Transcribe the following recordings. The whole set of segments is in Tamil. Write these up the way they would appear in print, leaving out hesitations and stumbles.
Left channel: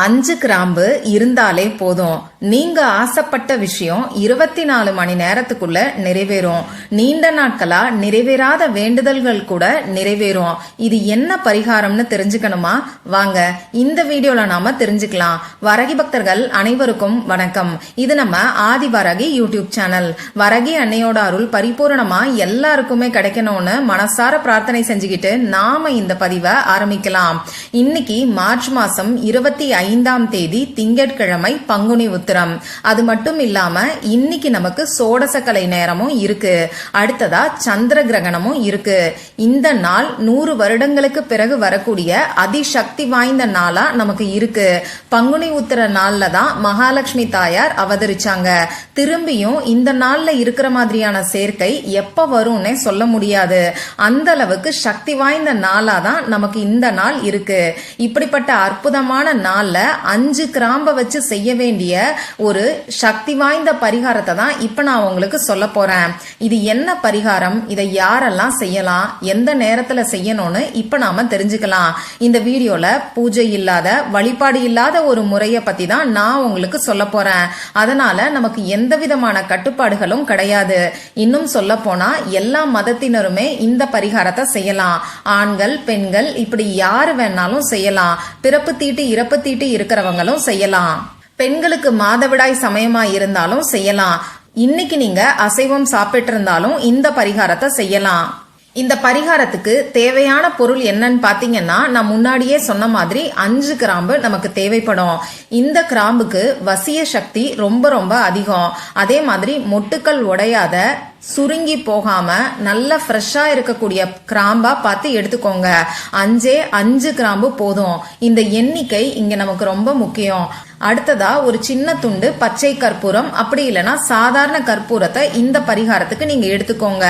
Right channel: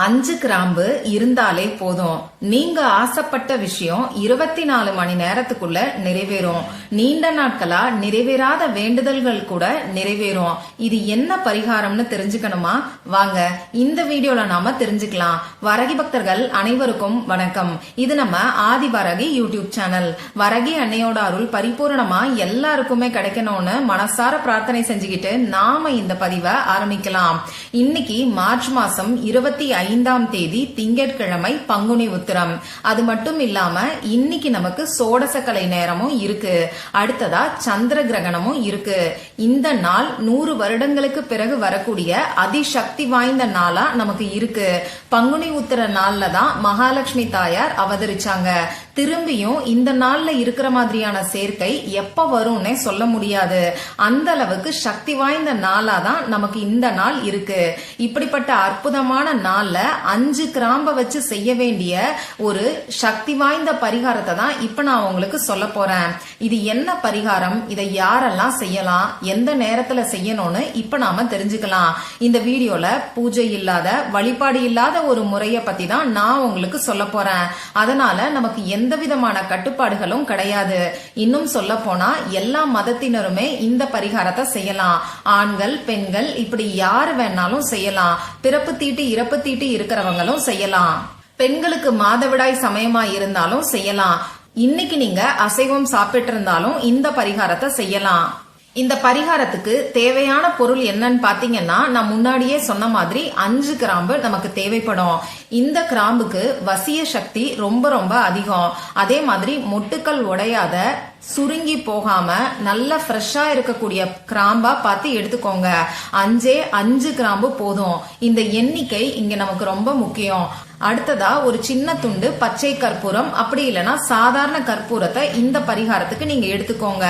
5 கிராம்பு இருந்தாலே போதும். நீங்க ஆசைப்பட்ட விஷயம் 24 மணி நேரத்துக்குள்ள நிறைவேறும். நீண்ட நாட்களா நிறைவேறாத வேண்டுதல்கள் கூட நிறைவேறும். இது என்ன பரிகாரம்னு தெரிஞ்சுக்கணுமா? வாங்க இந்த வீடியோல நாம தெரிஞ்சுக்கலாம். வரகி பக்தர்கள் அனைவருக்கும் வணக்கம். இது நம்ம ஆதி வரகி யூடியூப் சேனல். வரகி அன்னையோட அருள் பரிபூர்ணமா எல்லாருக்குமே கிடைக்கணும்னு மனசார பிரார்த்தனை செஞ்சுக்கிட்டு நாம இந்த பதிவை ஆரம்பிக்கலாம். இன்னைக்கு மார்ச் மாசம் 25ஆம் தேதி திங்கட்கிழமை பங்குனி உத்திரம். அது மட்டும் இல்லாம இன்னைக்கு நமக்கு சோடசக்கலை நேரமும் இருக்கு. அடுத்ததா சந்திர கிரகணமும் இருக்கு. இந்த நாள் 100 வருடங்களுக்கு பிறகு வரக்கூடிய அதிசக்தி வாய்ந்த நாளா நமக்கு இருக்கு. பங்குனி உத்திர நாள்ல தான் மகாலட்சுமி தாயார் அவதரிச்சாங்க. திரும்பியும் இந்த நாள்ல இருக்கிற மாதிரியான சேர்க்கை எப்ப வரும்னே சொல்ல முடியாது. அந்த அளவுக்கு சக்தி வாய்ந்த நாளா தான் நமக்கு இந்த நாள் இருக்கு. இப்படிப்பட்ட அற்புதமான நாள்ல 5 கிராம்ப வச்சு செய்ய வேண்டிய ஒரு சக்தி வாய்ந்த பரிகாரத்தை தான் இப்ப நான் உங்களுக்கு சொல்ல போறேன். இது என்ன பரிகாரம், இதை யாரெல்லாம் செய்யலாம், எந்த நேரத்துல செய்யணும்னு இப்ப நாம தெரிஞ்சுக்கலாம். இந்த வீடியோல பூஜை இல்லாத, வழிபாடு இல்லாத ஒரு முறைய பத்தி தான் நான் உங்களுக்கு சொல்ல போறேன். அதனால நமக்கு எந்த விதமான கட்டுப்பாடுகளும் கிடையாது. இன்னும் சொல்ல போனா எல்லா மதத்தினருமே இந்த பரிகாரத்தை செய்யலாம். ஆண்கள், பெண்கள் இப்படி யாரு வேணாலும் செய்யலாம். பிறப்பு தீட்டு இறப்பு தீட்டு இருக்கிறவங்களும் செய்யலாம். பெண்களுக்கு மாதவிடாய் சமயமா இருந்தாலும் செய்யலாம். இன்னைக்கு நீங்க அசைவம் சாப்பிட்டு இருந்தாலும் இந்த பரிகாரத்தை செய்யலாம். இந்த பரிகாரத்துக்கு தேவையான பொருள் என்னன்னு பாத்தீங்கன்னா, நான் முன்னாடியே சொன்ன மாதிரி 5 கிராம்பு நமக்கு தேவைப்படும். இந்த கிராம்புக்கு வசிய சக்தி ரொம்ப ரொம்ப அதிகம். அதே மாதிரி மொட்டுக்கள் உடையாத, சுருங்கி போகாம நல்ல ஃப்ரெஷ்ஷா இருக்கக்கூடிய கிராம்பா பார்த்து எடுத்துக்கோங்க. 5 கிராம்பு போதும். இந்த எண்ணிக்கை இங்க நமக்கு ரொம்ப முக்கியம். அடுத்ததா ஒரு சின்ன துண்டு பச்சை கற்பூரம், அப்படி இல்லைன்னா சாதாரண கற்பூரத்தை இந்த பரிகாரத்துக்கு நீங்க எடுத்துக்கோங்க.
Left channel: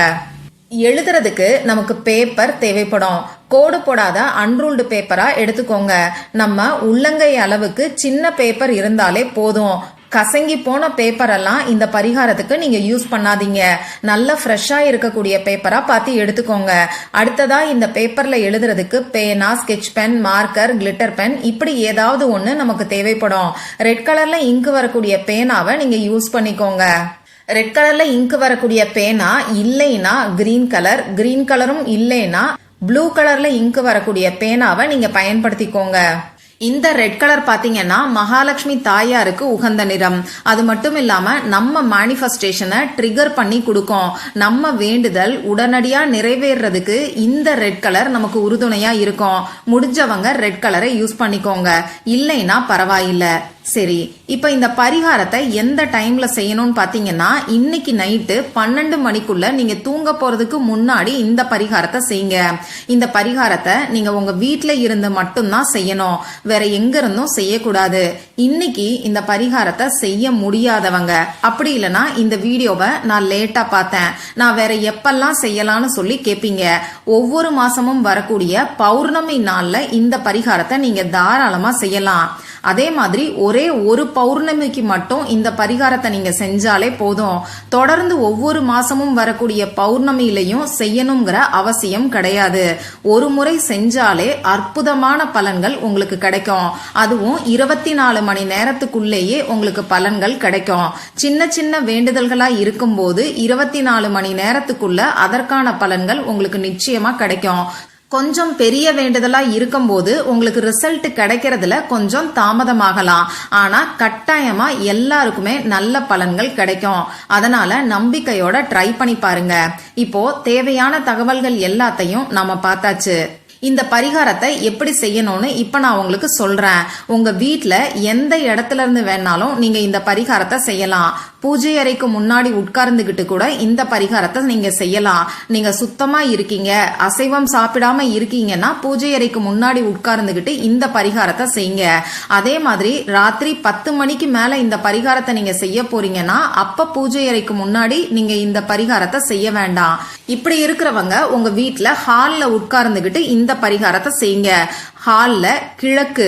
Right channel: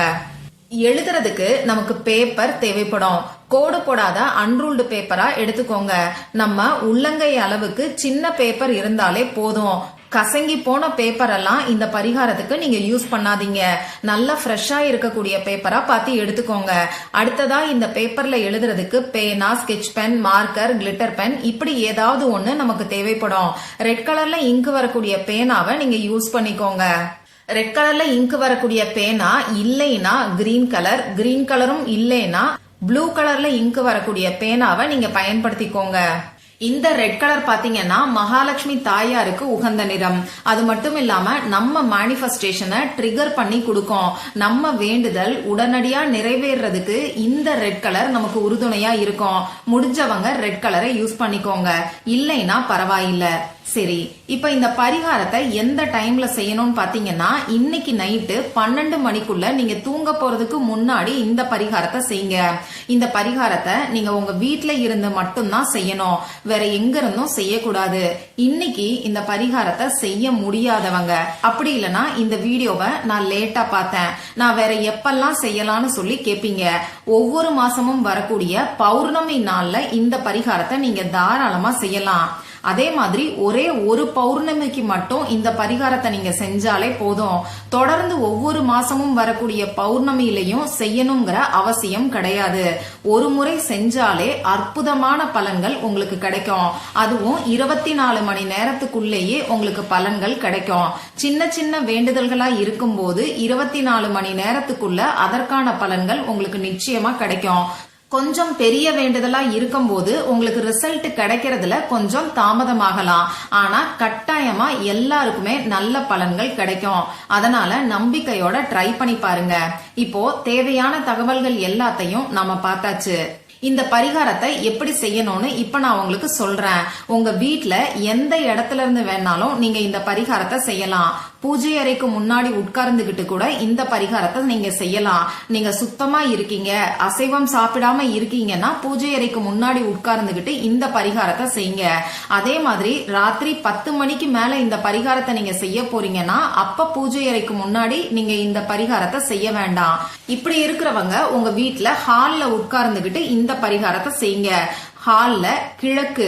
எழுதுறதுக்கு நமக்கு பேப்பர் தேவைப்படும். கோடு போடாத அன்ரூல்டு பேப்பரா எடுத்துக்கோங்க. நம்ம உள்ளங்கை அளவுக்கு சின்ன பேப்பர் இருந்தாலே போதும். கசங்கி போன பேப்பர் எல்லாம் இந்த பரிகாரத்துக்கு நீங்க யூஸ் பண்ணாதீங்க. நல்ல ஃப்ரெஷ்ஷா இருக்கக்கூடிய பேப்பரா பார்த்து எடுத்துக்கோங்க. அடுத்ததா இந்த பேப்பர்ல எழுதுறதுக்கு பேனா, sketch pen, marker, glitter pen இப்படி ஏதாவது ஒண்ணு நமக்கு தேவைப்படும். ரெட் கலர்ல இங்கு வரக்கூடிய பேனாவை நீங்க யூஸ் பண்ணிக்கோங்க. ரெட் கலர்ல இங்கு வரக்கூடிய பேனா இல்லைன்னா கிரீன் கலரும் இல்லைன்னா ப்ளூ கலர்ல இங்கு வரக்கூடிய பேனாவை நீங்க பயன்படுத்திக்கோங்க. இந்த ரெட் கலர் பாத்தீங்கன்னா மகாலட்சுமி தாயாருக்கு உகந்த நிறம். அது மட்டும் இல்லாம நம்ம மேனிஃபெஸ்டேஷனை ட்ரிகர் பண்ணி கொடுக்கும். நம்ம வேண்டுதல் உடனடியா நிறைவேறதுக்கு இந்த ரெட் கலர் நமக்கு உறுதுணையா இருக்கும். முடிஞ்சவங்க ரெட் கலரை யூஸ் பண்ணிக்கோங்க, இல்லைன்னா பரவாயில்ல. சரி, இப்ப இந்த பரிகாரத்தை எந்த டைம்ல செய்யணும்னு பாத்தீங்கன்னா, இன்னைக்கு நைட்டு 12 மணிக்குள்ள நீங்க தூங்க போறதுக்கு முன்னாடி இந்த பரிகாரத்தை செய்யுங்க. இந்த பரிகாரத்தை நீங்க உங்க வீட்டுல இருந்து மட்டும்தான் செய்யணும், வேற எங்க இருந்தும் செய்யக்கூடாது. இன்னைக்கு இந்த பரிகாரத்தை செய்ய முடியாதவங்க, அப்படி இல்லைன்னா இந்த வீடியோவை நான் லேட்டா பார்த்தேன், நான் வேற எப்பெல்லாம் செய்யலாம்னு சொல்லி கேப்பீங்க. ஒவ்வொரு மாசமும் வரக்கூடிய பௌர்ணமி நாள்ல இந்த பரிகாரத்தை நீங்க தாராளமா செய்யலாம். அதே மாதிரி ஒரே ஒரு பௌர்ணமிக்கு மட்டும் இந்த பரிகாரத்தை நீங்க செஞ்சாலே போதும். தொடர்ந்து ஒவ்வொரு மாசமும் வரக்கூடிய பௌர்ணமியிலையும் செய்யணுங்கிற அவசியம் கிடையாது. ஒரு முறை செஞ்சாலே அற்புதமான பலன்கள் உங்களுக்கு கிடைக்கும். அதுவும் 24 மணி நேரத்துக்குள்ளேயே உங்களுக்கு பலன்கள் கிடைக்கும். சின்ன சின்ன வேண்டுதல்களா இருக்கும்போது 24 மணி நேரத்துக்குள்ள அதற்கான பலன்கள் உங்களுக்கு நிச்சயமா கிடைக்கும். கொஞ்சம் பெரிய வேண்டுதலா இருக்கும்போது உங்களுக்கு ரிசல்ட் கிடைக்கிறதுல கொஞ்சம் தாமதமாகலாம். ஆனா கட்டாயமா எல்லாருக்குமே நல்ல பலன்கள் கிடைக்கும். அதனால நம்பிக்கையோட ட்ரை பண்ணி பாருங்க. இப்போ தேவையான தகவல்கள் எல்லாத்தையும் நாம பார்த்தாச்சு. இந்த பரிகாரத்தை எப்படி செய்யணும்னு இப்ப நான் உங்களுக்கு சொல்றேன். உங்க வீட்டுல எந்த இடத்துல இருந்து வேணாலும் நீங்க இந்த பரிகாரத்தை செய்யலாம். பூஜை அறைக்கு முன்னாடி உட்கார்ந்துகிட்டு கூட இந்த பரிகாரத்தை நீங்க செய்யலாம். நீங்க சுத்தமா இருக்கீங்க, அசைவம் சாப்பிடாம இருக்கீங்கன்னா பூஜை அறைக்கு முன்னாடி உட்கார்ந்துகிட்டு இந்த பரிகாரத்தை செய்யுங்க. அதே மாதிரி ராத்திரி 10 மணிக்கு மேல இந்த பரிகாரத்தை நீங்க செய்ய போறீங்கன்னா அப்ப பூஜை அறைக்கு முன்னாடி நீங்க இந்த பரிகாரத்தை செய்ய வேண்டாம். இப்படி இருக்கிறவங்க உங்க வீட்டுல ஹால்ல உட்கார்ந்துகிட்டு இந்த பரிகாரத்தை செய்யுங்க. ஹால்ல கிழக்கு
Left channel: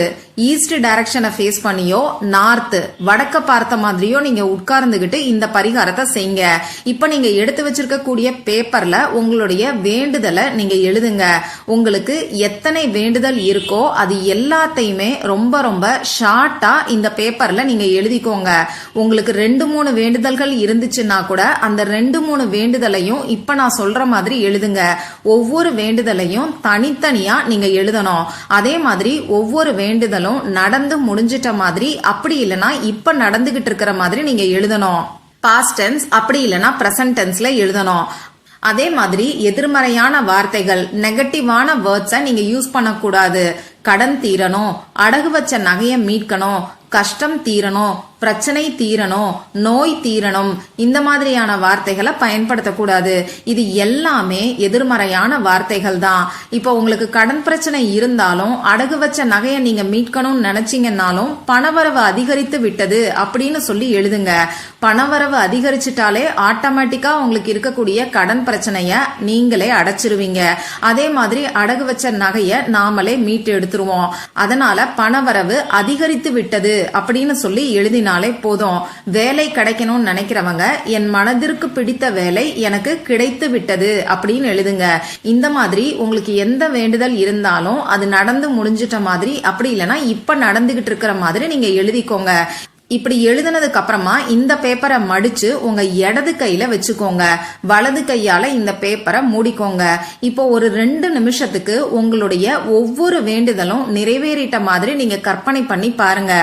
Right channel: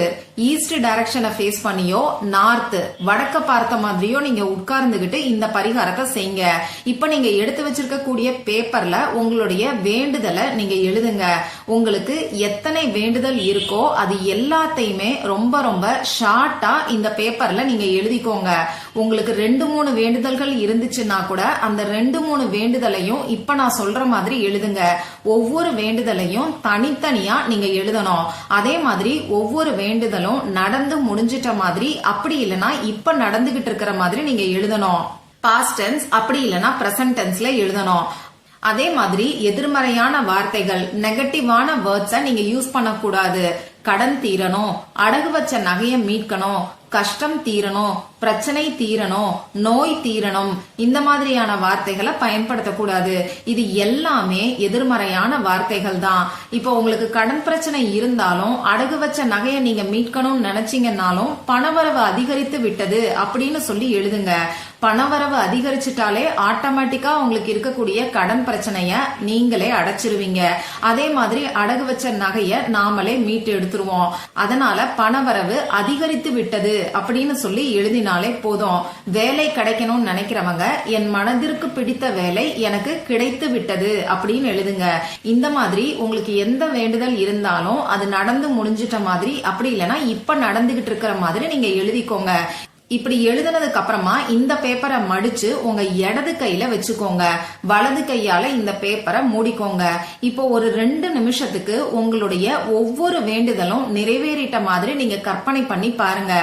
ஈஸ்ட் டைரக்ஷனை ஃபேஸ் பண்ணியோ நார்த் வடக்க பார்த்த மாதிரியோ நீங்க உட்கார்ந்துகிட்டு இந்த பரிகாரத்தை செய்யுங்க. இப்ப நீங்க எடுத்து வச்சிருக்க கூடிய பேப்பர்ல உங்களுடைய வேண்டுதலை நீங்க எழுதுங்க. உங்களுக்கு எத்தனை வேண்டுதல் இருக்கோ அது எல்லாத்தையுமே ரொம்ப ரொம்ப ஷார்ட்டா இந்த பேப்பர்ல நீங்க எழுதிக்கோங்க. உங்களுக்கு 2-3 வேண்டுதல்கள் இருந்துச்சுன்னா கூட அந்த 2-3 வேண்டுதலையும் இப்ப நான் சொல்ற மாதிரி எழுதுங்க. ஒவ்வொரு வேண்டுதலையும் தனித்தனியா நீங்க எழுதணும். அதே மாதிரி ஒவ்வொரு வேண்டுதலும் நடந்து முடிஞ்சிட்ட மாதிரி, அப்படி இல்லைன்னா இப்ப நடந்துகிட்டு இருக்கிற மாதிரி நீங்க எழுதணும். பாஸ்ட் டென்ஸ் அப்படி இல்லைன்னா பிரசன்ட் டென்ஸ்ல எழுதணும். அதே மாதிரி எதிர்மறையான வார்த்தைகள் நெகட்டிவான வேர்ட்ஸை நீங்க யூஸ் பண்ணக்கூடாது. கடன் தீரணும், அடகு வச்ச நகையை மீட்கணும், கஷ்டம் தீரணும், பிரச்சனை தீரணும், நோய் தீரணும், இந்த மாதிரியான வார்த்தைகளை பயன்படுத்தக்கூடாது. இது எல்லாமே எதிர்மறையான வார்த்தைகள் தான். இப்போ உங்களுக்கு கடன் பிரச்சனை இருந்தாலும் அடகு வச்ச நகையை நீங்க மீட்கணும்னு நினைச்சீங்கன்னாலும் பணவரவு அதிகரித்து விட்டது அப்படின்னு சொல்லி எழுதுங்க. பணவரவு அதிகரிச்சுட்டாலே ஆட்டோமேட்டிக்கா உங்களுக்கு இருக்கக்கூடிய கடன் பிரச்சனைய நீங்களே அடைச்சிருவீங்க. அதே மாதிரி அடகு வச்ச நகைய நாமளே மீட்டு எடுத்துருவோம். அதனால பணவரவு அதிகரித்து விட்டது அப்படின்னு சொல்லி எழுதினாலே போதும். வேலை கிடைக்கணும்னு நினைக்கிறவங்க என் மனதிற்கு பிடித்த வேலை எனக்கு கிடைத்து விட்டது அப்படின்னு எழுதுங்க. இந்த மாதிரி உங்களுக்கு எந்த வேண்டுதல் இருந்தாலும் அது நடந்து முடிஞ்சிட்ட மாதிரி, அப்படி இல்லைன்னா இப்ப நடந்துகிட்டு இருக்கிற மாதிரி நீங்க எழுதிக்கோங்க. இப்படி எழுதுனதுக்கு அப்புறமா இந்த பேப்பரை மடிச்சு உங்க இடது கையில வச்சுக்கோங்க. வலது கையால இந்த பேப்பரை மூடிக்கோங்க. இப்போ ஒரு 2 நிமிஷத்துக்கு உங்களுடைய ஒவ்வொரு வேண்டுதலும் நிறைவேறிட்ட மாதிரி நீங்க கற்பனை பண்ணி பாருங்க.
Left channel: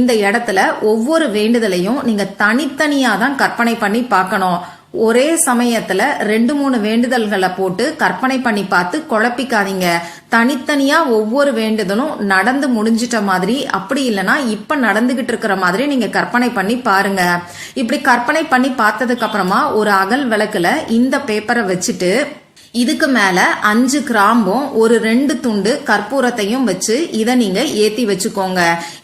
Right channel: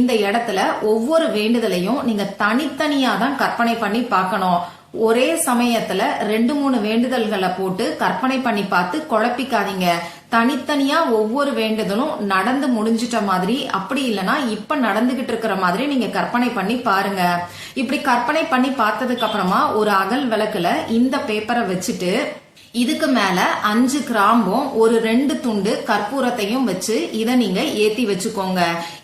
இந்த இடத்துல ஒவ்வொரு வேண்டுதலையும் நீங்க தனித்தனியா தான் கற்பனை பண்ணி பார்க்கணும். ஒரே சமயத்துல 2-3 வேண்டுதல்களை போட்டு கற்பனை பண்ணி பார்த்து குழப்பிக்காதீங்க. தனித்தனியா ஒவ்வொரு வேண்டுதலும் நடந்து முடிஞ்சிட்ட மாதிரி, அப்படி இல்லைன்னா இப்ப நடந்துகிட்டு இருக்கிற மாதிரி நீங்க கற்பனை பண்ணி பாருங்க. இப்படி கற்பனை பண்ணி பார்த்ததுக்கு அப்புறமா ஒரு அகல் விளக்குல இந்த பேப்பரை வச்சுட்டு இதுக்கு மேல 5 கிராம்பும் ஒரு 2 துண்டு கற்பூரத்தையும் வச்சு இத நீங்க ஏத்தி வச்சுக்கோங்க.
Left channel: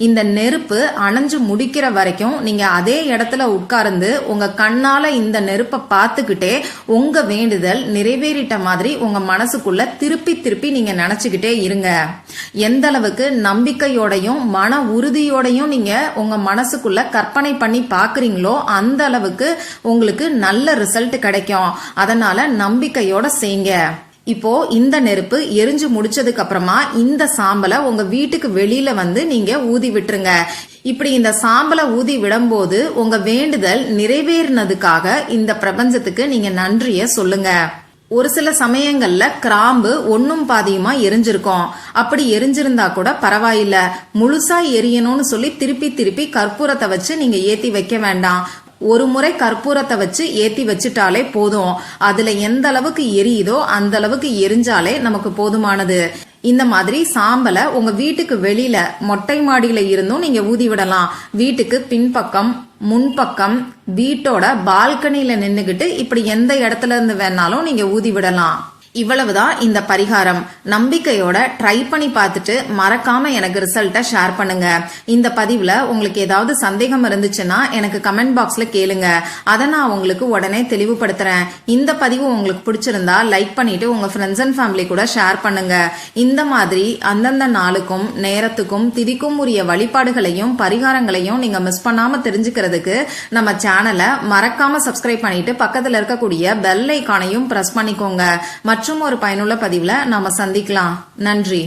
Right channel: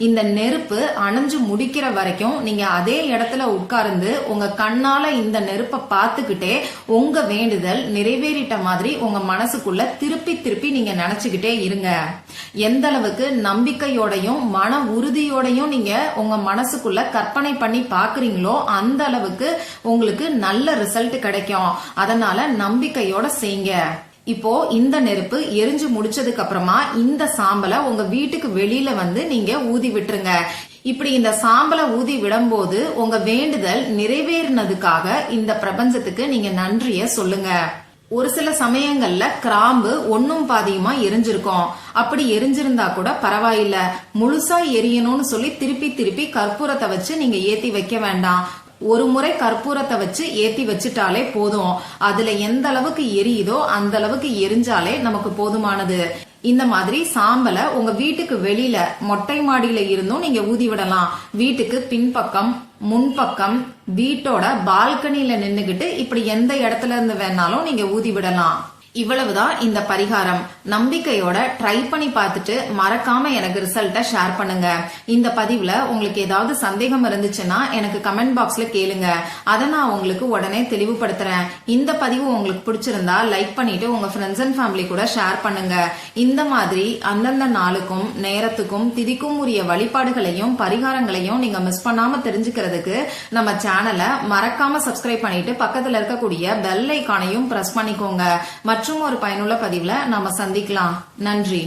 இந்த நெருப்பு அணைஞ்சு முடிக்கிற வரைக்கும் நீங்க அதே இடத்துல உட்கார்ந்து உங்க கண்ணால இந்த நெருப்பை பார்த்துக்கிட்டே உங்க வேண்டுதல் நிறைவேறிட்ட மாதிரி உங்க மனசுக்குள்ள திருப்பி திருப்பி நீங்க நினைச்சுக்கிட்டே இருங்க. எந்த அளவுக்கு நம்பிக்கையோடையும் மன உறுதியோடையும் நீங்க உங்க மனசுக்குள்ள கற்பனை பண்ணி பாக்குறீங்களோ அந்த அளவுக்கு உங்களுக்கு நல்ல ரிசல்ட் கிடைக்கும். அதனால நம்பிக்கையோட செய்யுங்க. இப்போ இந்த நெருப்பு எரிஞ்சு முடிச்சதுக்கு அப்புறமா இந்த சாம்பலை உங்க வீட்டுக்கு வெளியில வந்து நீங்க ஊதி விட்டுருங்க. இப்படி இந்த சாம்பலை ஊதி விடும்போது உங்க வேண்டுதல் நிறைவேறினதுக்காக இந்த பிரபஞ்சத்துக்கு நீங்க நன்றிய சொல்லுங்க. ஒரு சில சமயங்கள்ல கிராம்பு ஒன்னும் பாதியுமா எரிஞ்சிருக்கும். அப்படி எரிஞ்சிருந்தா கூட பரவாயில்ல, முழுசா எரியணும்னு சொல்லி திருப்பி திருப்பி கற்பூரத்தை வச்சு நீங்க ஏத்தி வைக்க வேண்டாம். ஒரு முறை கற்பூரத்தை வச்சு ஏத்தி வச்சுட்டாலே போதும். அதுல எந்த அளவுக்கு எரியுதோ அந்த அளவுக்கு எரிஞ்சாலே நமக்கு போதுமானது. இந்த மாதிரி சாம்பலை உங்க வீட்டுக்கு வெளியில மொட்டை மாடியில இருந்தும் நீங்க ஊதி விடலாம். வீட்டுக்கு பின்பக்கம், முன்பக்கம், வீட்டோட பால்கனில நின்னுகிட்டு இப்படி எந்த இடத்துல இருந்து வேணாலும் நீங்க ஊதி விடலாம். இவ்வளவுதான் இந்த பரிகாரம். நம்பிக்கையோட ட்ரை பண்ணி பார்த்துட்டு மறக்காம எனக்கு ரிசல்ட்டை ஷேர் பண்ணுங்க. இந்த பதிவுல உங்களுக்கு ஏதாவது சந்தேகம் இருந்துச்சுன்னா எனக்கு கமெண்ட் பாக்ஸ்ல கேளுங்க. அதை நான் உங்களுக்கு உடனே தெளிவுபடுத்துறேன். இந்த பதிவு உங்களுக்கு பிடிச்சிருந்தா லைக் பண்ணிட்டு உங்க ஃப்ரெண்ட்ஸ் அண்ட் ஃபேமிலி கூட ஷேர் பண்ணுங்க. இந்த மாதிரி அந்தந்த நாளுக்கும் நேரத்துக்கும் திதிக்கும் உரிய வழிபாடுகளையும் பரிகாரங்களையும் நீங்க மிஸ் பண்ணாம தெரிஞ்சுக்கிறதுக்கு நம்ம சேனலை மறக்காம சப்ஸ்கிரைப் பண்ணிட்டு பக்கத்துல இருக்கக்கூடிய பெல் ஐகானையும் பிரஸ் பண்ணிக்கோங்க. மற்றும் ஒரு பயனுள்ள பதிவுல நாம சந்திக்கலாம். நன்றி.